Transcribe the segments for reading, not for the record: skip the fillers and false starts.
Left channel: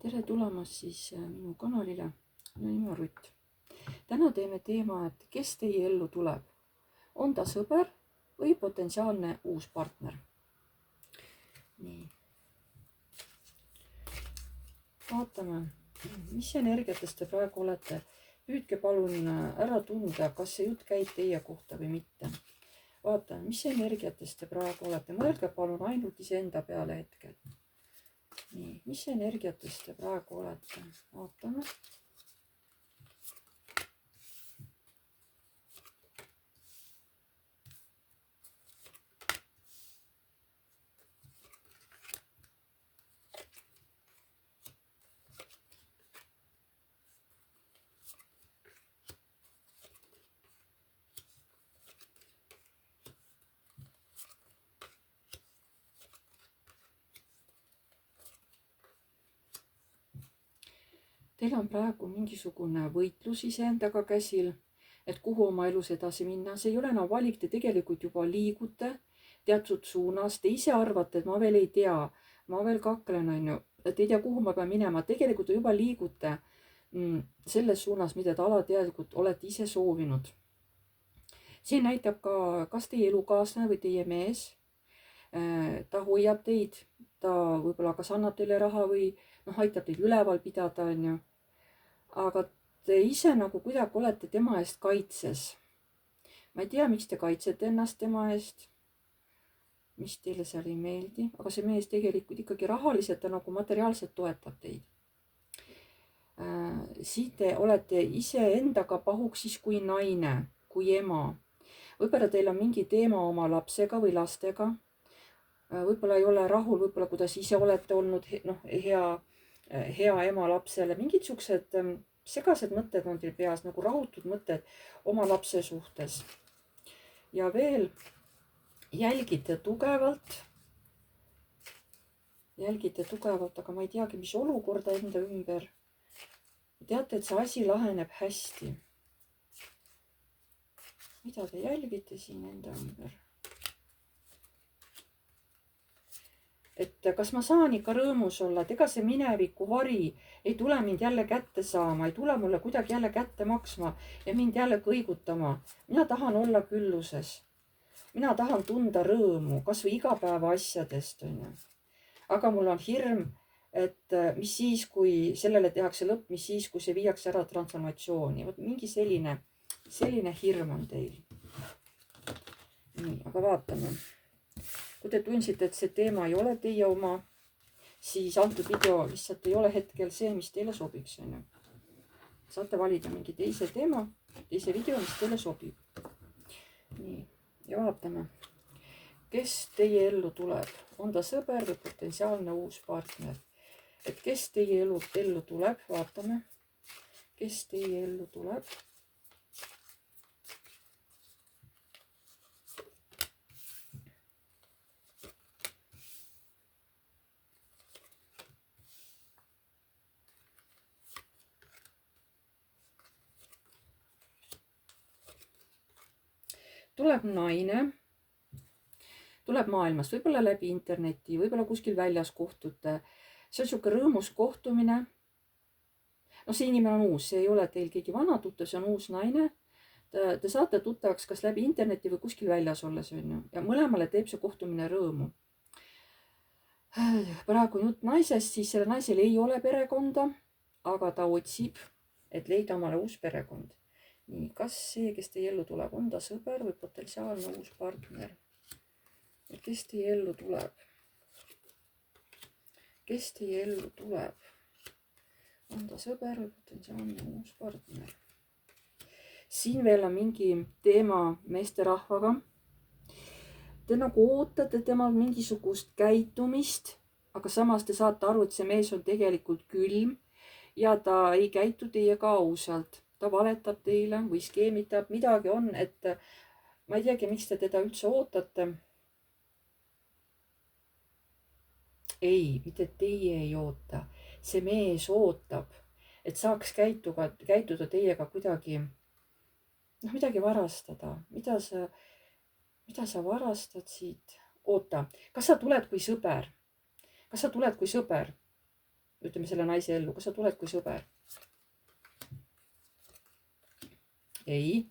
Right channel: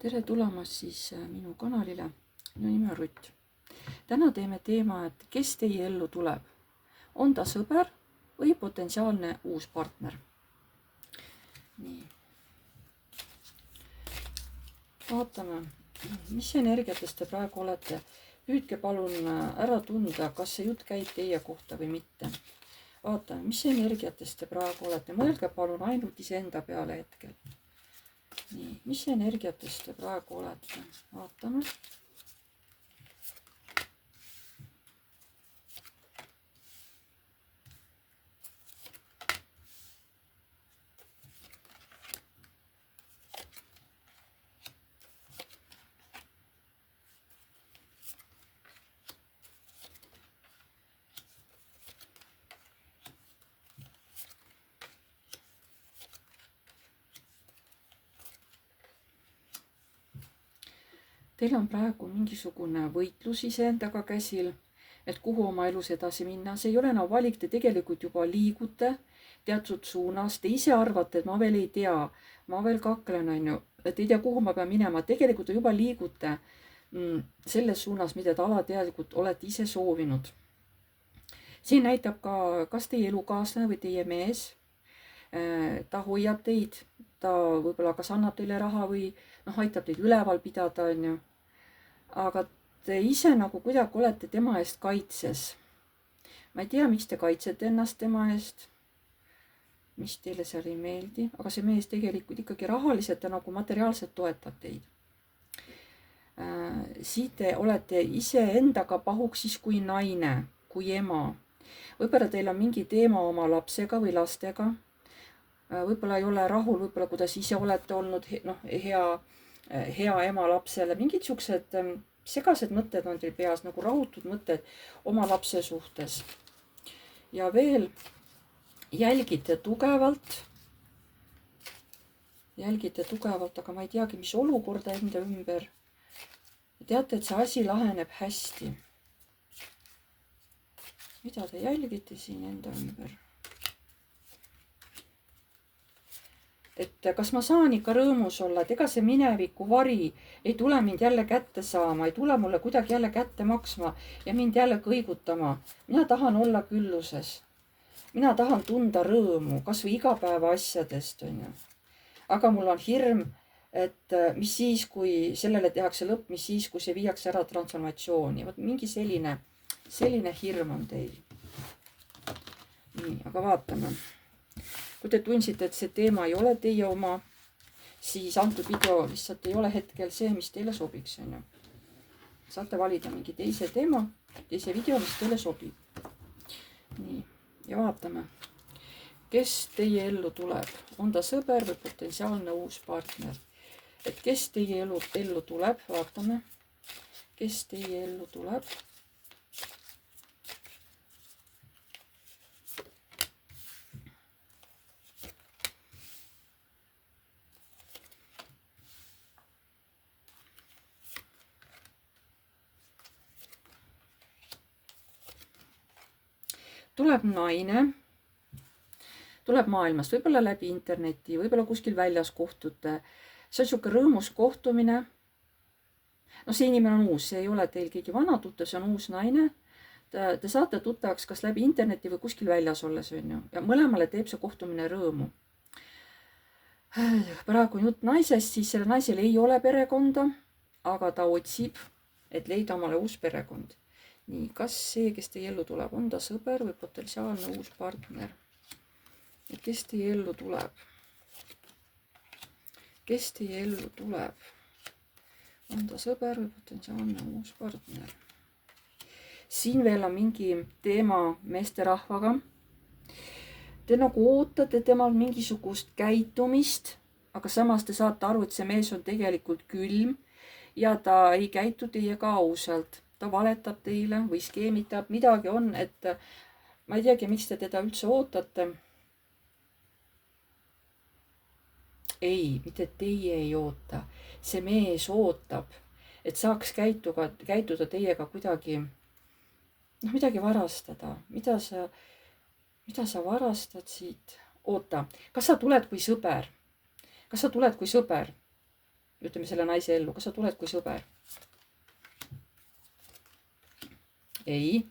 Tere tulemast siis minu kanalile. Minu nimi on Rutt. Täna teeme teema, et kes teie ellu tuleb. On ta sõber või potentsiaalne uus partner? Nii. Vaatame, mis energiates te praegu olete. Püüdke palun ära tunda, kas see jutt käib teie kohta või mitte. Vaatame, mis energiates te praegu olete. Mõelge palun ainult iseenda peale hetkel. Nii, mis energiates te praegu olete? Vaatame. Teil on praegu mingisugune võitlus iseendaga käsil, et kuhu oma elus edasi minna. See ei ole enam valik, te tegelikult juba liigute teatud suunas. Te ise arvate, et ma veel ei tea, ma veel kaklen, on ju, et ei tea, kuhu ma pean minema. Tegelikult te juba liigute selles suunas, mida te alateadlikult olete ise soovinud. Siin näitab ka, kas teie elukaaslane või teie mees, ta hoiab teid, ta võib-olla kas annab teile raha või aitab teid üleval pidada, on ju. Aga te ise nagu kuidagi olete tema eest kaitses. Ma ei tea, miks te kaitsete ennast tema eest, mis teile seal ei meeldi, aga see mees tegelikult ikkagi rahaliselt ja nagu materiaalselt toetab teid. Siit te olete ise endaga pahuks siis kui naine, kui ema. Võib-olla teil on mingi teema oma lapsega või lastega. Võib-olla ei ole rahul, võib-olla kuidas ise olete olnud hea ema lapsele. Mingid siuksed segased mõtted on teil peas, nagu rahutud mõtted oma lapse suhtes. Ja veel jälgite tugevalt, aga ma ei teagi, mis olukorda enda ümber. Teate, et see asi laheneb hästi. Mida te jälgite siin enda ümber? Et kas ma saan ikka rõõmus olla, et ega see mineviku vari ei tule mind jälle kätte saama, ei tule mulle kuidagi jälle kätte maksma ja mind jälle kõigutama. Mina tahan olla külluses. Mina tahan tunda rõõmu, kas või igapäeva asjadest, on ju. Aga mul on hirm, et mis siis, kui sellele tehakse lõpp, mis siis, kui see viiakse ära transformatsiooni. Vot mingi selline hirm on teil. Nii, aga vaatame. Kui te tundsite, et see teema ei ole teie oma, siis antud video lihtsalt ei ole hetkel see, mis teile sobiks. Saate valida mingi teise teema, teise video, mis teile sobib. Nii, ja vaatame, kes teie ellu tuleb. On ta sõber või potentsiaalne uus partner? Et kes teie ellu tuleb, vaatame, kes teie ellu tuleb. Tuleb naine, tuleb maailmast, võib-olla läbi interneti, võib-olla kuskil väljas kohtute. See on siuke rõõmus kohtumine. See inimene on uus, see ei ole teil keegi vana tuttav, see on uus naine. Te saate tuttavaks kas läbi interneti või kuskil väljas olles, on ju. Ja mõlemale teeb see kohtumine rõõmu. Praegu on jutt naisest, siis selle naisel ei ole perekonda, aga ta otsib, et leida omale uus perekond. Nii, kas see, kes teie ellu tuleb, on ta sõber või potentsiaalne uus partner? Ja kes teie ellu tuleb? Kes teie ellu tuleb? On ta sõber või potentsiaalne uus partner? Siin veel on mingi teema meesterahvaga. Te nagu ootate temal mingisugust käitumist, aga samas te saate aru, et see mees on tegelikult külm ja ta ei käitu teiega ausalt. Ta valetab teile või skeemitab, midagi on, et ma ei teagi, miks te teda üldse ootate. Ei, mitte teie ei oota. See mees ootab, et saaks käituda teiega kuidagi, midagi varastada. Mida sa varastad siit? Oota, kas sa tuled kui sõber? Kas sa tuled kui sõber? ütleme selle naise ellu, kas sa tuled kui sõber? ei.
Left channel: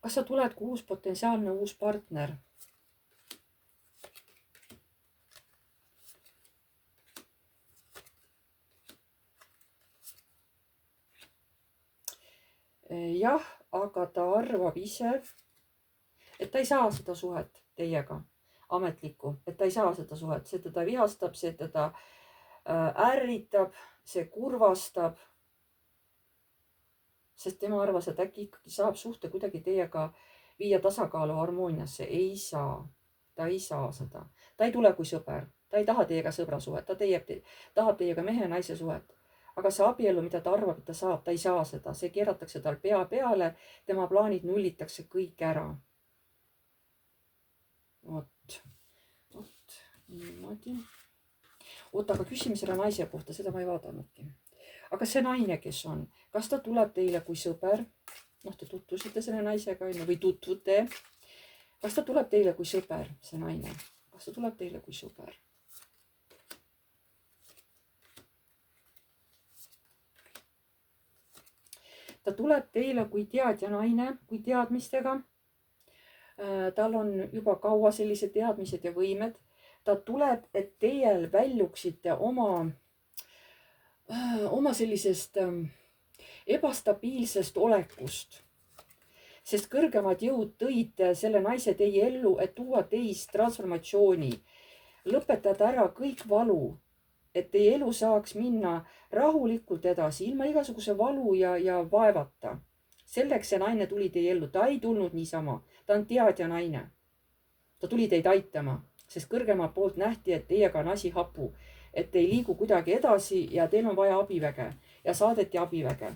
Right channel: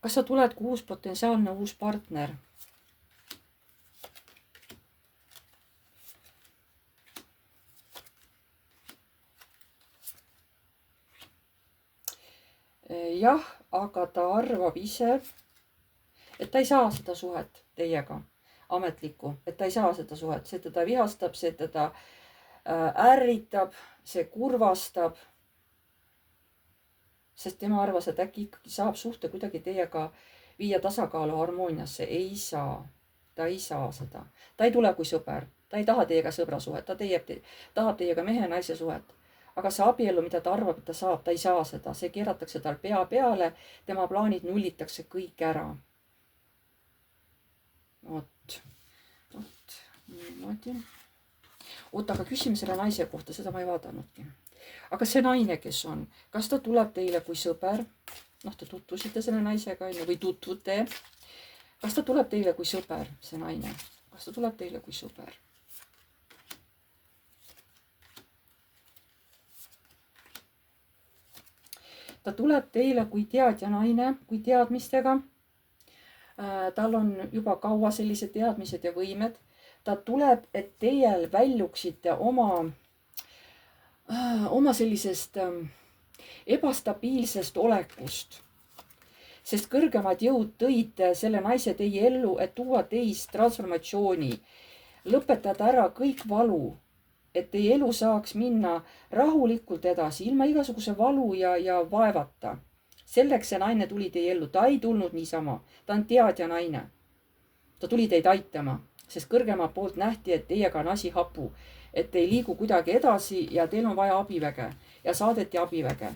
kas sa tuled kui uus potentsiaalne uus partner? jah, aga ta arvab ise, et ta ei saa seda suhet teiega, ametlikku, et ta ei saa seda suhet, see teda vihastab, see teda ärritab, see kurvastab. sest tema arvas, et äkki ikkagi saab suhte kuidagi teiega viia tasakaalu, harmooniasse. ei saa, ta ei saa seda, ta ei tule kui sõber, ta ei taha teiega sõbrasuhet, ta tahab teiega mehe-naise suhet. aga see abielu, mida ta arvab, et ta saab, ta ei saa seda, see keeratakse tal pea peale, tema plaanid nullitakse kõik ära. vot niimoodi. oota, aga küsime selle naise kohta, seda ma ei vaadanudki. aga see naine, kes on, kas ta tuleb teile kui sõber? noh, te tutvusite selle naisega, on ju, või tutvute. kas ta tuleb teile kui sõber, see naine? kas ta tuleb teile kui sõber? ta tuleb teile kui teadja naine, kui teadmistega. tal on juba kaua sellised teadmised ja võimed. ta tuleb, et teie väljuksite oma sellisest ebastabiilsest olekust. sest kõrgemad jõud tõid selle naise teie ellu, et tuua teist transformatsiooni, lõpetada ära kõik valu, et teie elu saaks minna rahulikult edasi, ilma igasuguse valu ja vaevata. selleks see naine tuli teie ellu, ta ei tulnud niisama, ta on teadja naine. ta tuli teid aitama, sest kõrgema poolt nähti, et teiega on asi hapu, et ei liigu kuidagi edasi ja teil on vaja abiväge ja saadeti abiväge.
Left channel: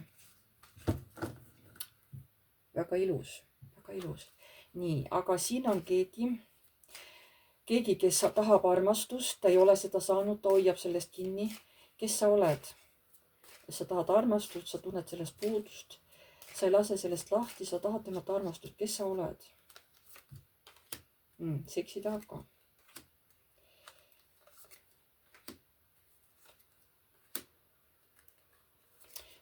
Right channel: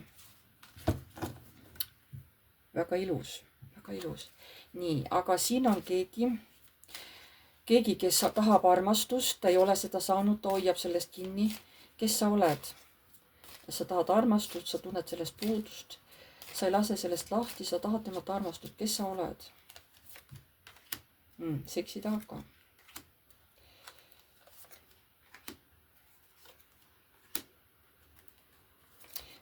väga ilus, väga ilus. nii, aga siin on keegi, kes tahab armastust, ta ei ole seda saanud, ta hoiab sellest kinni. kes sa oled? sa tahad armastust, sa tunned sellest puudust, sa ei lase sellest lahti, sa tahad temalt armastust. kes sa oled? Seksi tahab ka.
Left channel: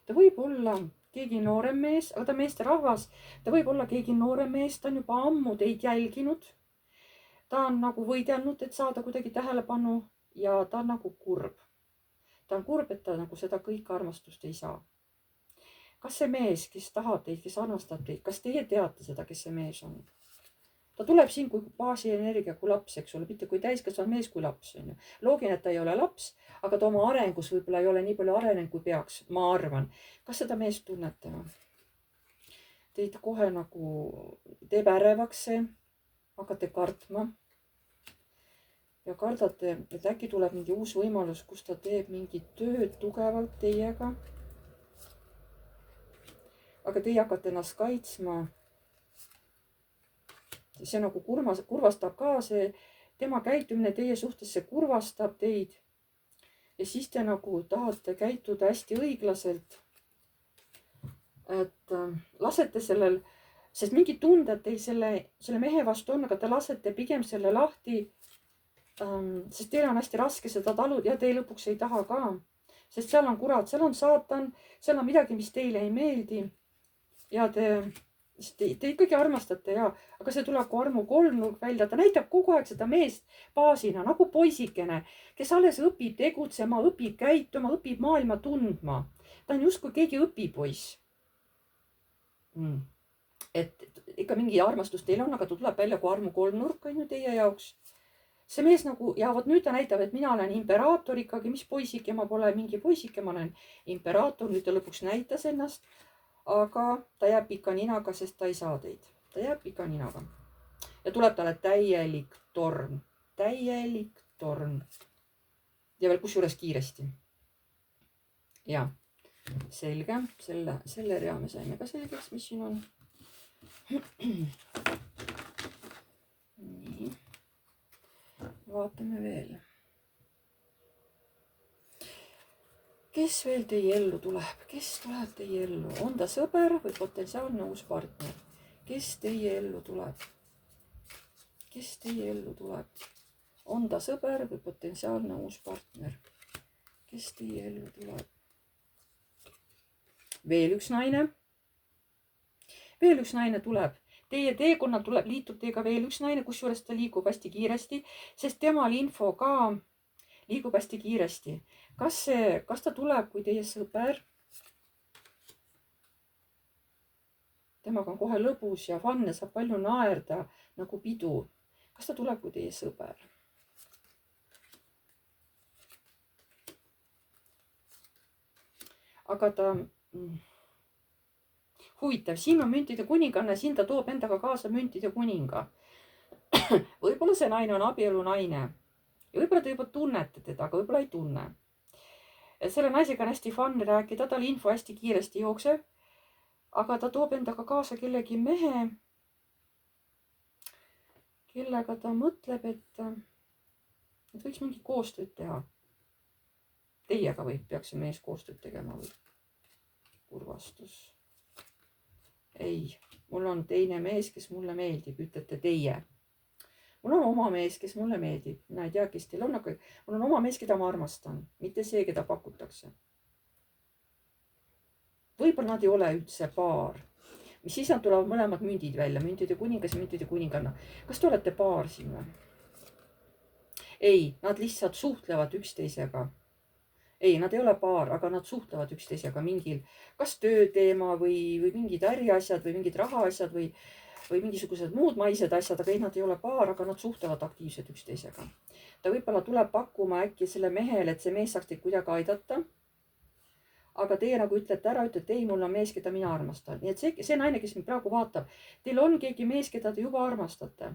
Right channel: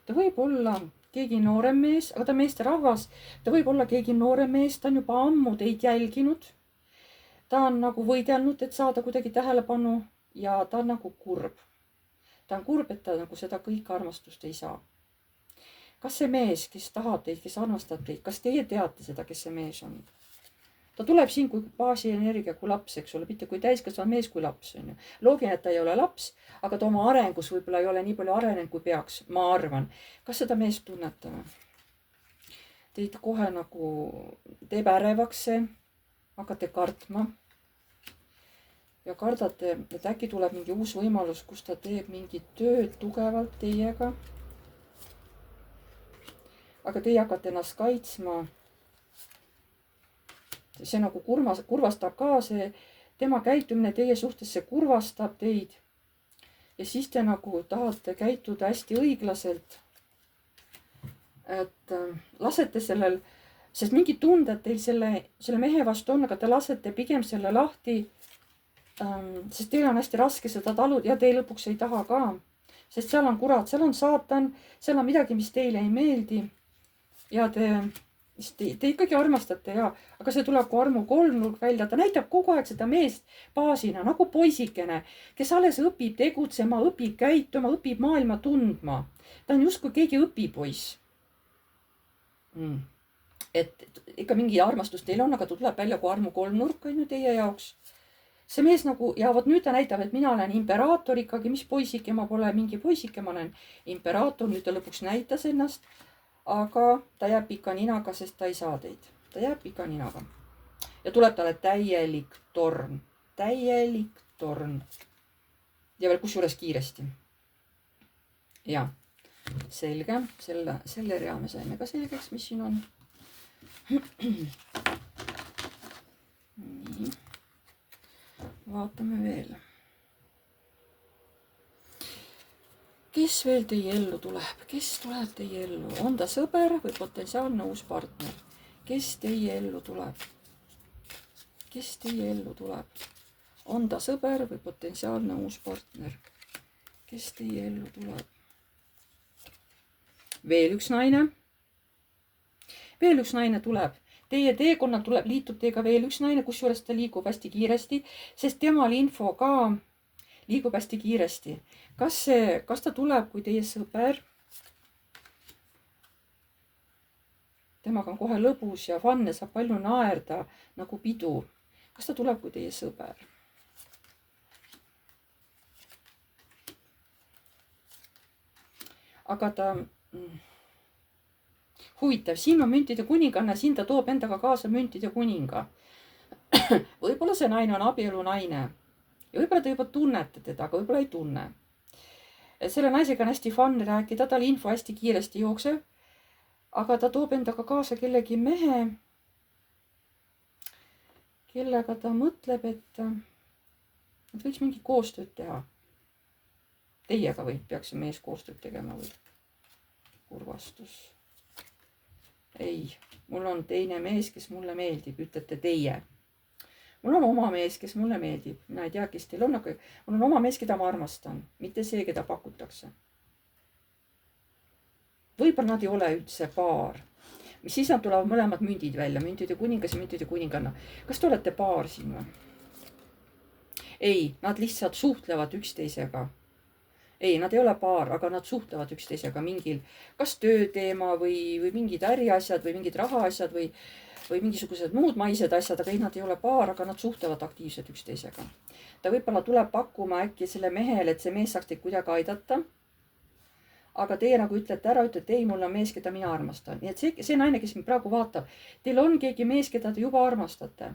ta võib olla keegi noorem mees, aga ta meesterahvas. ta võib olla keegi noorem mees, ta on juba ammu teid jälginud. ta on nagu võidelnud, et saada kuidagi tähelepanu ja ta on nagu kurb. ta on kurb, et ta nagu seda kõike armastust ei saa. kas see mees, kes tahab teid, kes armastab teid, kas teie teate seda, kes see mees on? ta tuleb siin kui baasienergia, kui laps, eks ole, mitte kui täiskasvanud mees, kui laps, on ju. loogiline, et ta ei ole laps, aga ta oma arengus võib-olla ei ole nii palju arenenud, kui peaks, ma arvan. kas seda meest tunnete või? Teid kohe nagu teeb ärevaks see, hakkate kartma. ja kardate, et äkki tuleb mingi uus võimalus, kus ta teeb mingit tööd tugevalt teiega. aga teie hakkate ennast kaitsma. see nagu kurvastab ka, see tema käitumine teie suhtes, see kurvastab teid. ja siis te nagu tahate käituda hästi õiglaselt. et lasete sellel, sest mingid tunded teil selle mehe vastu on, aga te lasete pigem selle lahti. sest teil on hästi raske seda taluda ja te lõpuks ei taha ka. sest seal on kurat, seal on saatan, seal on midagi, mis teile ei meeldi. ja te ikkagi armastate ja, aga see tuleb kui armu kolmnurk välja, ta näitab kogu aeg seda meest baasina nagu poisikene, kes alles õpib tegutsema, õpib käituma, õpib maailma tundma. ta on justkui keegi õpipoiss. et ikka mingi armastus teil on, aga ta tuleb välja kui armu kolmnurk on ju teie jaoks. see mees nagu ja vot nüüd ta näitab, et mina olen imperaator ikkagi, mis poisike, ma pole mingi poisike, ma olen imperaator, nüüd ta lõpuks näitas ennast. aga ta jääb pika ninaga, sest ta ei saa teid. ta jääb pika ninaga. ja tuleb talle täielik torm. täielik torm. ja veel kusjuures kiiresti. ja, selge. selle rea me saime ka selgeks, mis siin on. nii. vaatame veel. kes veel teie ellu tuleb, kes tuleb teie ellu, on ta sõber või potentsiaalne uus partner? kes teie ellu tuleb? kes teie ellu tuleb, on ta sõber või potentsiaalne uus partner? kes teie ellu tuleb? veel üks naine tuleb. Teie teekonnal tuleb, liitub teiega veel üks naine, kusjuures ta liigub hästi kiiresti, sest temal info ka liigub hästi kiiresti. Kas ta tuleb kui teie sõber? Temaga on kohe lõbus ja fun ja saab palju naerda nagu pidur. Kas ta tuleb kui teie sõber? Aga ta huvitav, siin on müntide kuninganna, siin ta toob endaga kaasa müntide kuninga. Võib-olla see naine on abielu naine ja võib-olla te juba tunnete teda, aga võib-olla ei tunne. Selle naisega on hästi fun rääkida, tal info hästi kiiresti jookseb, aga ta toob endaga kaasa kellegi mehe, kellega ta mõtleb, et võiks mingi koostööd teha. Teiega peaks see mees koostööd tegema või? Kurvastus. Ei, mul on teine mees, kes mulle meeldib, ütlete teie. Mul on oma mees, kes mulle meeldib. Mina ei tea, kes teil on, aga mul on oma mees, keda ma armastan, mitte see, keda pakutakse. Võib-olla nad ei ole üldse paar. Mis siis nad tulevad mõlemad mündid välja, müntide kuningas ja müntide kuninganna. Kas te olete paar siin või? Ei, nad lihtsalt suhtlevad üksteisega. Ei, nad ei ole paar, aga nad suhtlevad üksteisega mingil kas tööteema või mingid äriasjad või mingid rahaasjad või mingisugused muud maised asjad, aga ei, nad ei ole paar, aga nad suhtlevad aktiivselt üksteisega. Ta võib-olla tuleb pakkuma äkki selle mehele, et see mees saaks teid kuidagi aidata. Aga teie nagu ütlete ära, ütlete ei, mul on mees, keda mina armastan. Nii et see naine, kes mind praegu vaatab, teil on keegi mees, keda te juba armastate.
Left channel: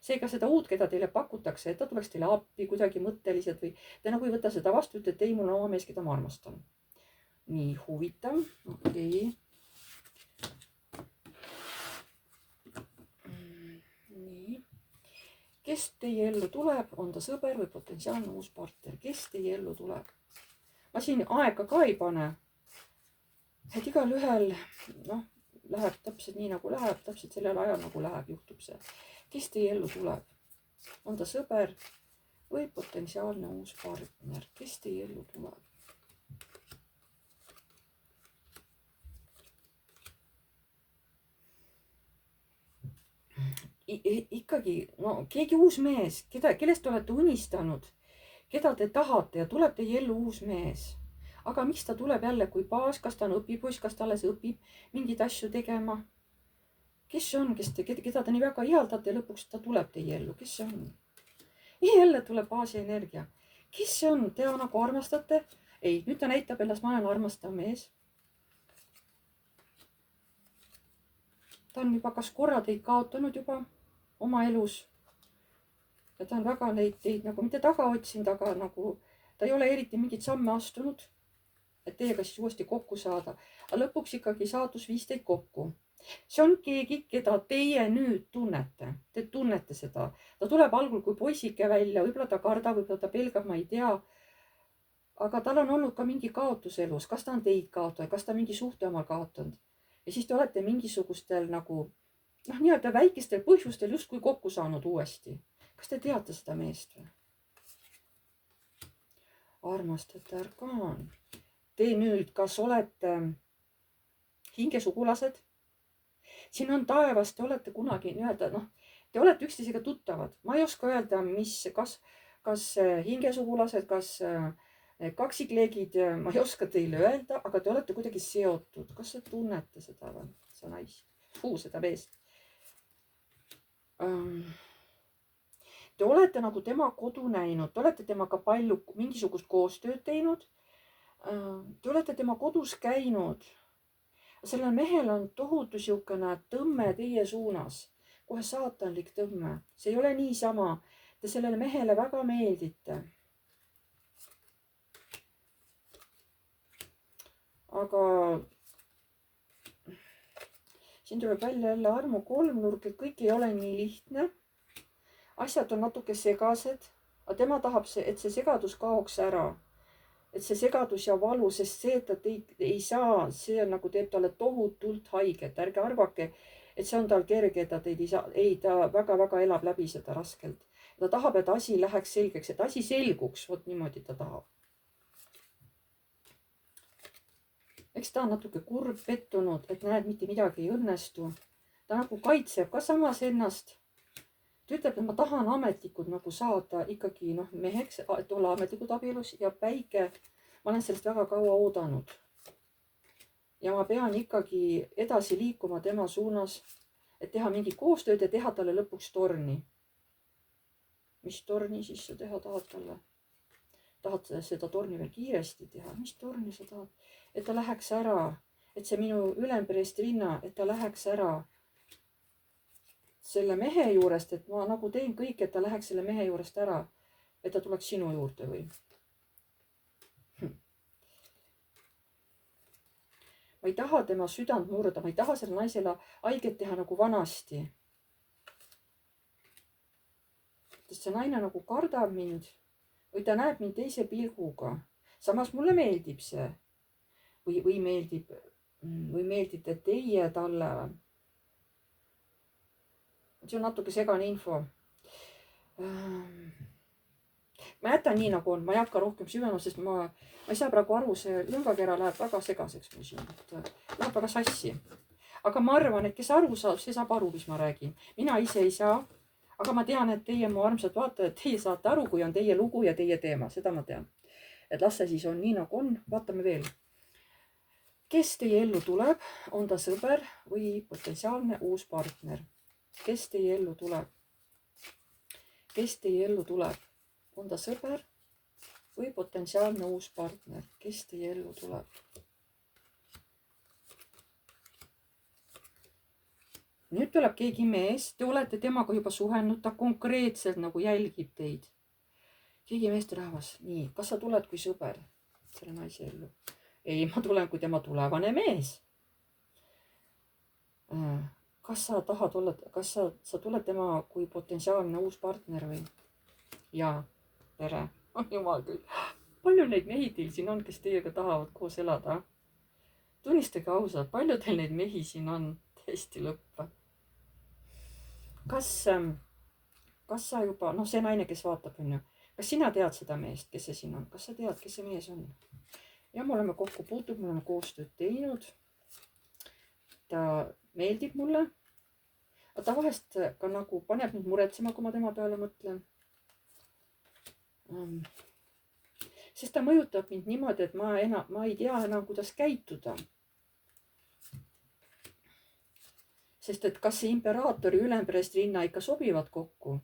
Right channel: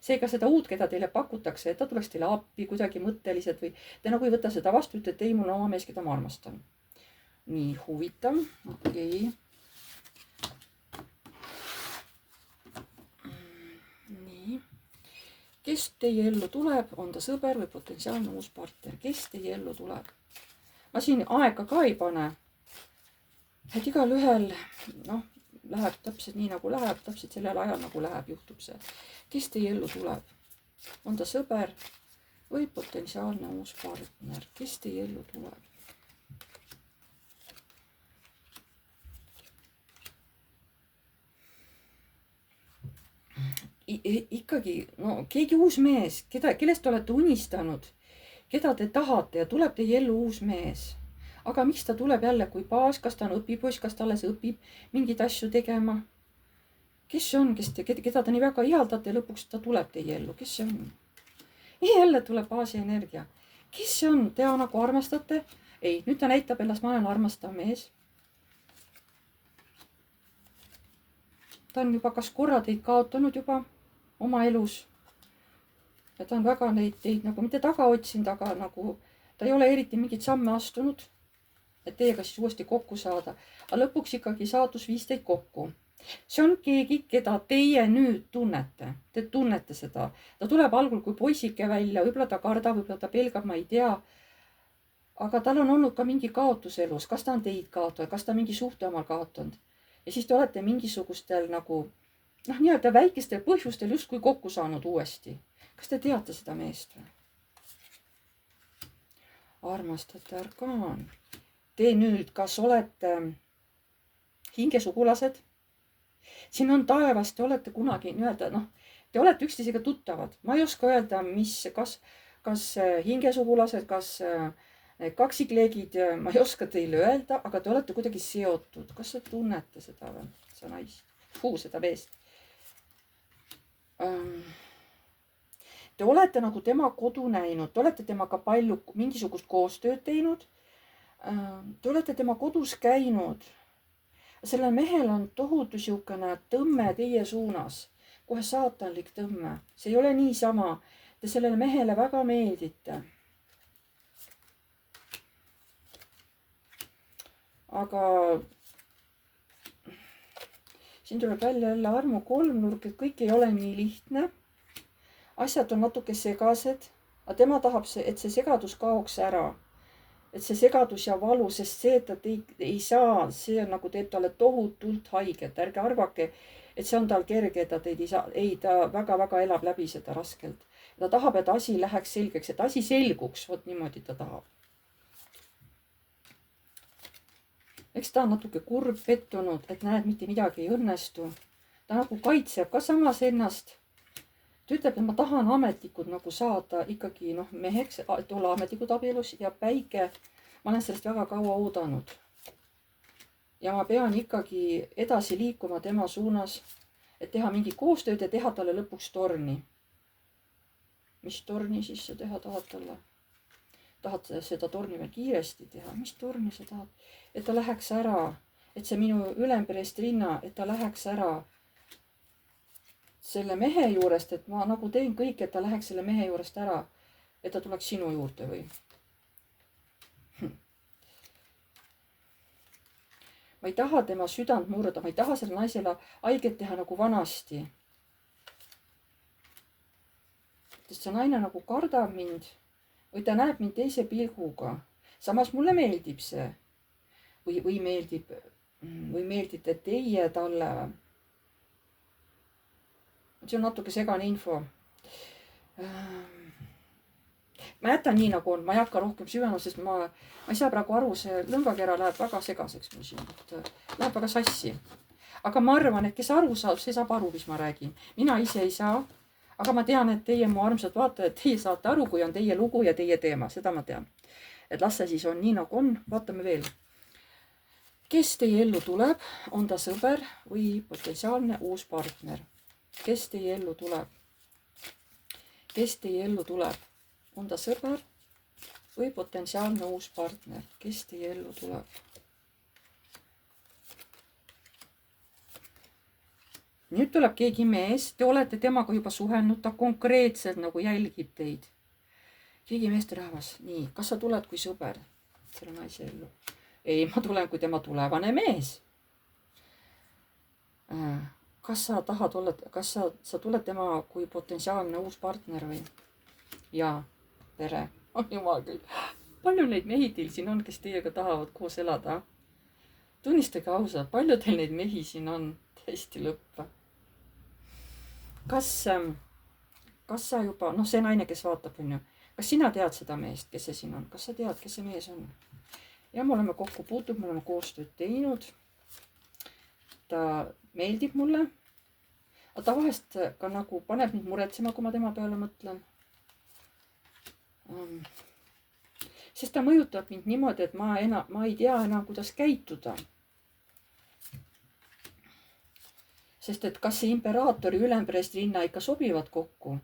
Seega seda uut, keda teile pakutakse, et ta tuleks teile appi kuidagi mõtteliselt või te nagu ei võta seda vastu, ütlete ei, mul on oma mees, keda ma armastan. Nii, huvitav. Okei. Nii. Kes teie ellu tuleb, on ta sõber või potentsiaalne uus partner? Kes teie ellu tuleb? Ma siin aega ka ei pane. Et igal ühel, läheb täpselt nii nagu läheb, täpselt sellel ajal nagu läheb, juhtub see. Kes teie ellu tuleb? On ta sõber või potentsiaalne uus partner? Kes teie ellu tuleb? Ikkagi, keegi uus mees, kellest te olete unistanud, keda te tahate ja tuleb teie ellu uus mees. Aga miks ta tuleb jälle kui baas, kas ta on õpipoiss, kas ta alles õpib mingeid asju tegema? Kes see on, keda te nii väga ihaldate ja lõpuks ta tuleb teie ellu? Kes see on? Jälle tuleb baasi energia. Kes see on? Te nagu armastate? Ei, nüüd ta näitab ennast, ma olen armastav mees. Ta on juba kas korra teid kaotanud juba oma elus. Ja ta on väga teid nagu mitte taga otsinud, aga nagu ta ei ole eriti mingit samme astunud, et teiega siis uuesti kokku saada. Aga lõpuks ikkagi saatus viis teid kokku. See on keegi, keda teie nüüd tunnete. Te tunnete seda. Ta tuleb algul kui poisike välja, võib-olla ta kardab, võib-olla ta pelgab, ma ei tea. Aga tal on olnud ka mingi kaotus elus. Kas ta on teid kaotanud, kas ta mingi suhte omal kaotanud. Ja siis te olete mingisugustel nagu, nii-öelda väikestel põhjustel justkui kokku saanud uuesti. Kas te teate seda meest või? Armastate arkaan. Te nüüd, kas olete hingesugulased? Siin on taevas, te olete kunagi nii-öelda, te olete üksteisega tuttavad. Ma ei oska öelda, kas hingesugulased, kas kaksikleegid, ma ei oska teile öelda, aga te olete kuidagi seotud. Kas te tunnete seda või? See naist. Seda meest. Te olete nagu tema kodu näinud. Te olete temaga palju mingisugust koostööd teinud. Te olete tema kodus käinud. Sellel mehel on tohutu siukene tõmme teie suunas, kohe saatanlik tõmme. See ei ole niisama. Te sellele mehele väga meeldite. Aga siin tuleb välja jälle armu kolmnurk, et kõik ei ole nii lihtne. Asjad on natuke segased, aga tema tahab, et see segadus kaoks ära. Et see segadus ja valu, sest see, et ta ei saa, see on nagu teeb talle tohutult haiget. Ärge arvake, et see on tal kerge, et ta teid ei saa. Ei, ta väga-väga elab läbi seda raskelt. Ta tahab, et asi läheks selgeks, et asi selguks. Vot niimoodi ta tahab. eks ta on natuke kurb, pettunud, et näed, mitte midagi ei õnnestu. Ta nagu kaitseb ka samas ennast. ta ütleb, et ma tahan ametlikult nagu saada ikkagi meheks, et olla ametlikud abielus ja päike, ma olen sellest väga kaua oodanud. ja ma pean ikkagi edasi liikuma tema suunas, et teha mingit koostööd ja teha talle lõpuks torni. mis torni siis sa teha tahad talle? tahad seda torni veel kiiresti teha? mis torni sa tahad? et ta läheks ära, et see minu ülempreestrinna, et ta läheks ära selle mehe juurest, et ma nagu teen kõik, et ta läheks selle mehe juurest ära, et ta tuleks sinu juurde või? ma ei taha tema südant murda, ma ei taha selle naisele haiget teha nagu vanasti. sest see naine nagu kardab mind või ta näeb mind teise pilguga. samas mulle meeldib see. või meeldite teie talle. see on natuke segane info. ma jätan nii nagu on, ma ei hakka rohkem süvenema, sest ma ei saa praegu aru, see lõngakera läheb väga segaseks mul siin, läheb väga sassi. aga ma arvan, et kes aru saab, see saab aru, mis ma räägin. mina ise ei saa, aga ma tean, et teie, mu armsad vaatajad, teie saate aru, kui on teie lugu ja teie teema, seda ma tean. et las see siis on nii nagu on, vaatame veel. kes teie ellu tuleb, on ta sõber või potentsiaalne uus partner? kes teie ellu tuleb? kes teie ellu tuleb? on ta sõber või potentsiaalne uus partner? kes teie ellu tuleb? nüüd tuleb keegi mees, te olete temaga juba suhelnud, ta konkreetselt nagu jälgib teid. keegi meesterahvas, nii, kas sa tuled kui sõber selle naise ellu? ei, ma tulen kui tema tulevane mees. kas sa tahad olla, kas sa tuled tema kui potentsiaalne uus partner või? jaa, tere. Jumal küll. palju neid mehi teil siin on, kes teiega tahavad koos elada? tunnistage ausalt, palju teil neid mehi siin on? täiesti lõpp. kas sa juba, see naine, kes vaatab, on ju, kas sina tead seda meest, kes see siin on? kas sa tead, kes see mees on? ja me oleme kokku puutunud, me oleme koostööd teinud. ta meeldib mulle. aga ta vahest ka nagu paneb mind muretsema, kui ma tema peale mõtlen. sest ta mõjutab mind niimoodi, et ma ei tea enam, kuidas käituda. sest et kas see imperaatori ülempreestrinna ikka sobivad kokku,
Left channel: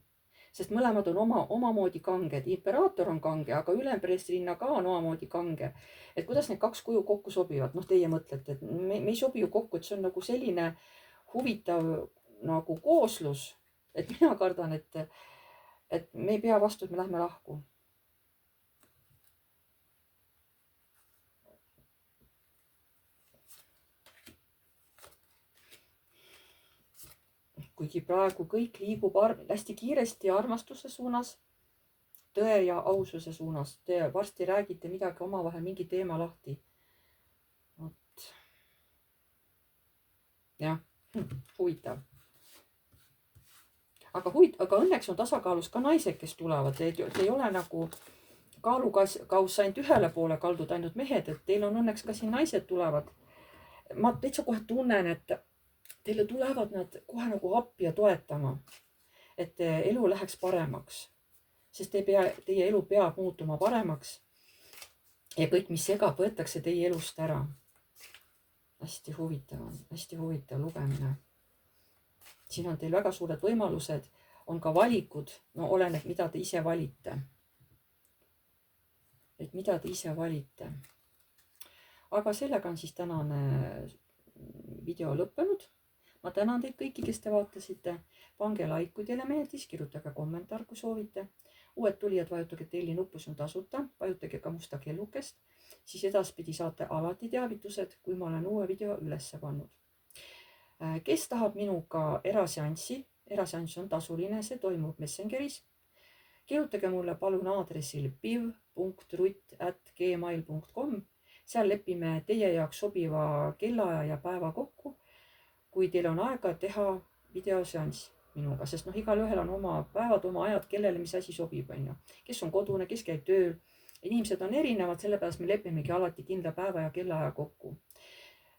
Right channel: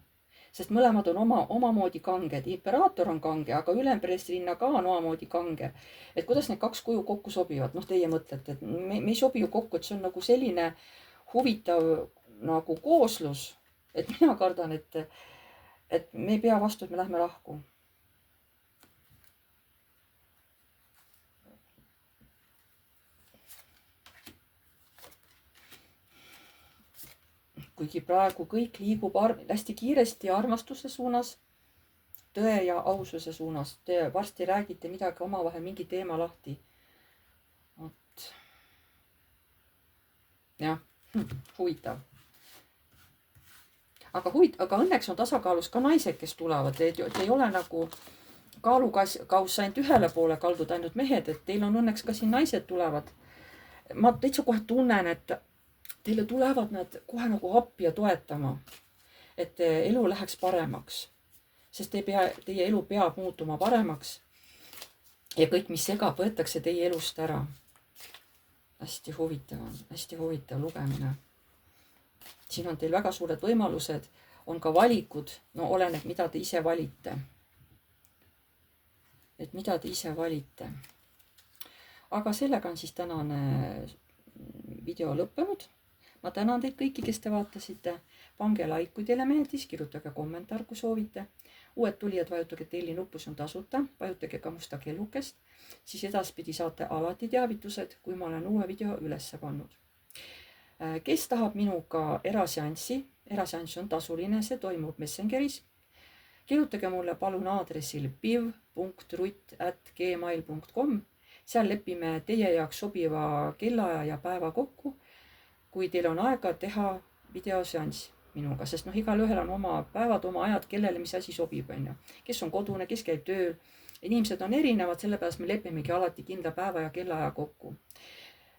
sest mõlemad on omamoodi kanged. imperaator on kange, aga ülempreestrinna ka on omamoodi kange. et kuidas need kaks kuju kokku sobivad? Teie mõtlete, et me ei sobi ju kokku, et see on nagu selline huvitav nagu kooslus, et mina kardan, et me ei pea vastu, et me lähme lahku. kuigi praegu kõik liigub hästi kiiresti armastuse suunas, tõe ja aususe suunas. Te varsti räägite midagi omavahel, mingi teema lahti. vot. jah, huvitav. aga õnneks on tasakaalus ka naised, kes tulevad. Te ei ole nagu kaalukauss ainult ühele poole kaldud, ainult mehed, et teil on õnneks ka siin naised tulevad. ma täitsa kohe tunnen, et teile tulevad nad kohe nagu appi ja toetama, et elu läheks paremaks, sest teie elu peab muutuma paremaks ja kõik, mis segab, võetakse teie elust ära. hästi huvitav lugemine. siin on teil väga suured võimalused, on ka valikud, oleneb, mida te ise valite. et mida te ise valite. aga sellega on siis tänane video lõppenud. ma tänan teid kõiki, kes te vaatasite. pange like, kui teile meeldis, kirjutage kommentaar, kui soovite. uued tulijad, vajutage telli nuppu, see on tasuta. vajutage ka musta kellukest, siis edaspidi saate alati teavitused, kui ma olen uue video üles pannud. kes tahab minuga eraseanssi, eraseanss on tasuline, see toimub Messengeris. kirjutage mulle palun aadressil piv.rutt@gmail.com. seal lepime teie jaoks sobiva kellaaja ja päeva kokku, kui teil on aega teha videoseanss minuga, sest igalühel on oma päevad, oma ajad, kellele mis asi sobib, on ju. kes on kodune, kes käib tööl, inimesed on erinevad, sellepärast me lepimegi alati kindla päeva ja kellaaja kokku.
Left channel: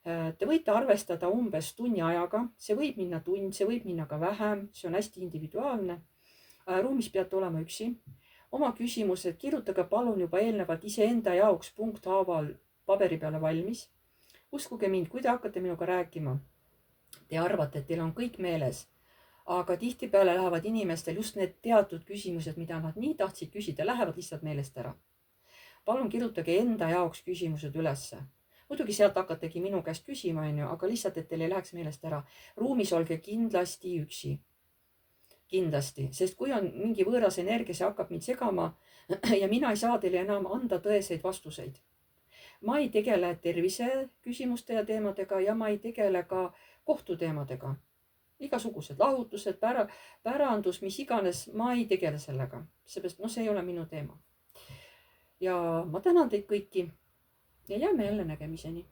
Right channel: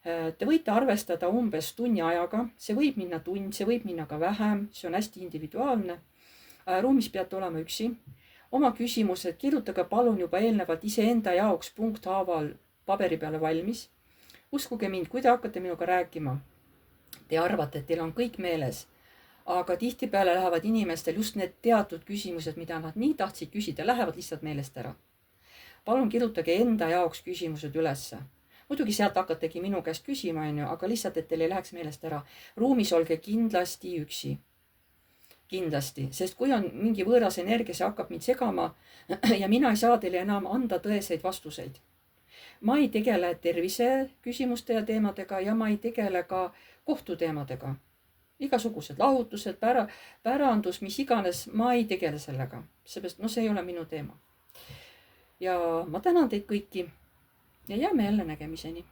Te võite arvestada umbes tunni ajaga, see võib minna tund, see võib minna ka vähem, see on hästi individuaalne. Ruumis peate olema üksi. Oma küsimused kirjutage palun juba eelnevalt iseenda jaoks punkthaaval paberi peale valmis. Uskuge mind, kui te hakkate minuga rääkima, te arvate, et teil on kõik meeles, aga tihtipeale lähevad inimestel just need teatud küsimused, mida nad nii tahtsid küsida, lähevad lihtsalt meelest ära. Palun kirjutage enda jaoks küsimused ülesse. Muidugi sealt hakategi minu käest küsima, aga lihtsalt, et teil ei läheks meelest ära. Ruumis olge kindlasti üksi. Kindlasti, sest kui on mingi võõras energia, see hakkab mind segama ja mina ei saa teile enam anda tõeseid vastuseid. Ma ei tegele tervise küsimuste ja teemadega ja ma ei tegele ka kohtuteemadega. Igasugused lahutused, pärandus, mis iganes, ma ei tegele sellega, seepärast see ei ole minu teema. Ja ma tänan teid kõiki ja jääme jälle nägemiseni.